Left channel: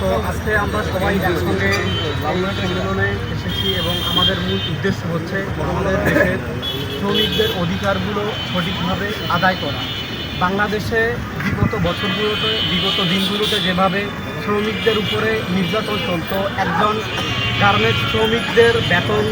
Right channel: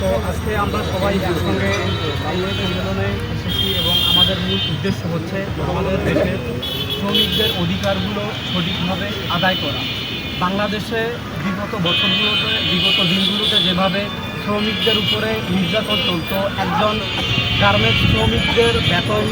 তো আজকে আমরা সবাই একসঙ্গে এই সম্মেলনে এসেছি এবং আমাদের মূল উদ্দেশ্য হচ্ছে আমাদের দেশের শ্রমিকদের অধিকারগুলো সঠিকভাবে আদায় করা। বাংলাদেশে বিগত বছরগুলোতে বিগত দিনগুলোতে যেভাবে শ্রমিকদের উপরে নির্যাতন চলতো, একজন গার্মেন্টস শ্রমিকদের বেতন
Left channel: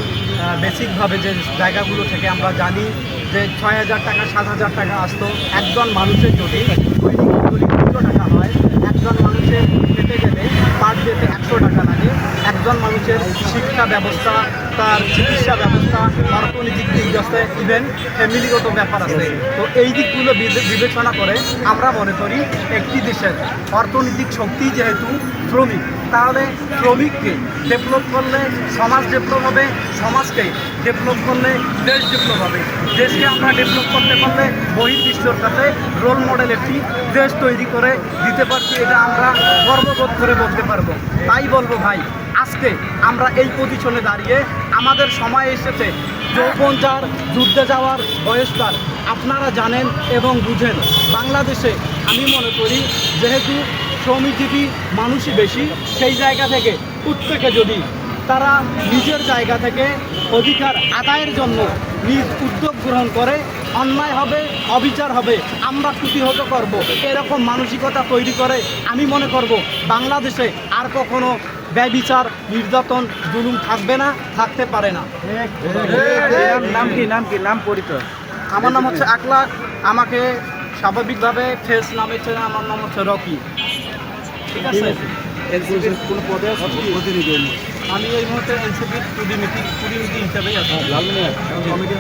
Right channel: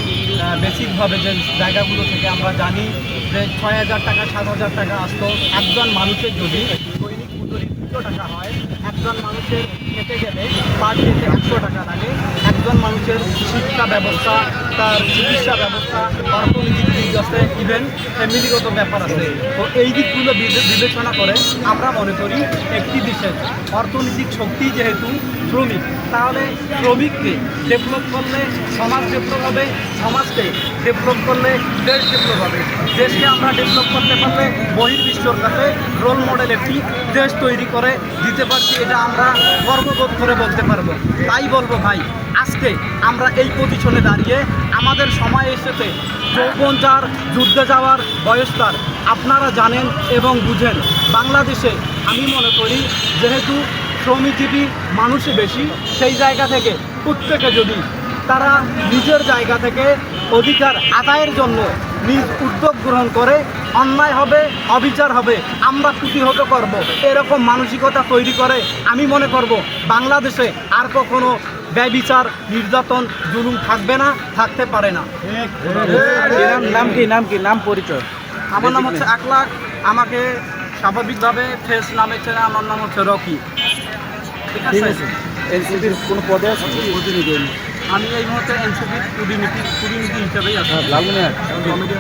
বেসিকভাবে যে জায়গাগুলো থেকে আমরা জানি যে 6,000 টাকা 7,000 টাকা আসতো, একজন মানুষের যদি দৈনিক মজুরি 200 টাকা হয়, একজন মানুষের খেতে গেলে পার ডেতে 100 টাকা লাগে। একজন মানুষের শিক্ষা ব্যবস্থা, তার চিকিৎসা ব্যবস্থা, অর্থনৈতিক দিক আছে, ইভেন ফ্যামিলিগত ব্যাপার আছে। তো এই দিকগুলো বিবেচনা করে আমরা মনে করি একটি দেশের অর্থনৈতিক শক্তি যেহেতু শ্রমিক, তাহলে শ্রমিককে ডেভেলপ করলে সমাজ ডেভেলপ হবে, সমাজকে ডেভেলপ করলে দেশ ডেভেলপ হবে। দেশকে আমরা ডেভেলপ করতে পারলে বহির্বিশ্বর কাছে রোল মডেল একটি দেশ তৈরি করে দিতে পারছি, এটা আমরা গর্ববোধ করে বলতে পারবো। তাই বলবো ভাই, আজকে আমরা এই পজিশনে দাঁড়িয়ে আমাদের সময় এসেছে, যৌবন যার যুদ্ধে যাওয়ার বয়স তার। আপনারা জানেন এবং বুঝেন বাংলাদেশে আমি মনে করি যেহেতু শ্রমজীবী মানুষই বেশি, সেই জায়গা থেকে প্রত্যেকে যদি তারা নিজের জায়গা থেকে অধিকার আদায়ের জন্য নিজ উদ্যোগ গ্রহণ করে, অন্যায় হবে, অবিচার হবে, আমরা প্রতিহত করব, এরকম মানসিকতা তৈরি করে আমি মনে করব বাংলাদেশে আর কখনো ব্যভিচার, নির্যাতন, জুলুম থাকবে না, থাকতে পারে না। নাম পরিচয়? আমার নাম হচ্ছে আকলাক, আমাকে স্বাভাবিকভাবে ফেস নামে চেনে, আমার নাম হচ্ছে রকি। ঠিক আছে, কোনো পদে আছে প্রতিনিধি? আমি এই মুহূর্তে এনসিপির কুডিনীতি হিসাবেই আছি। লালমিয়া কমিটি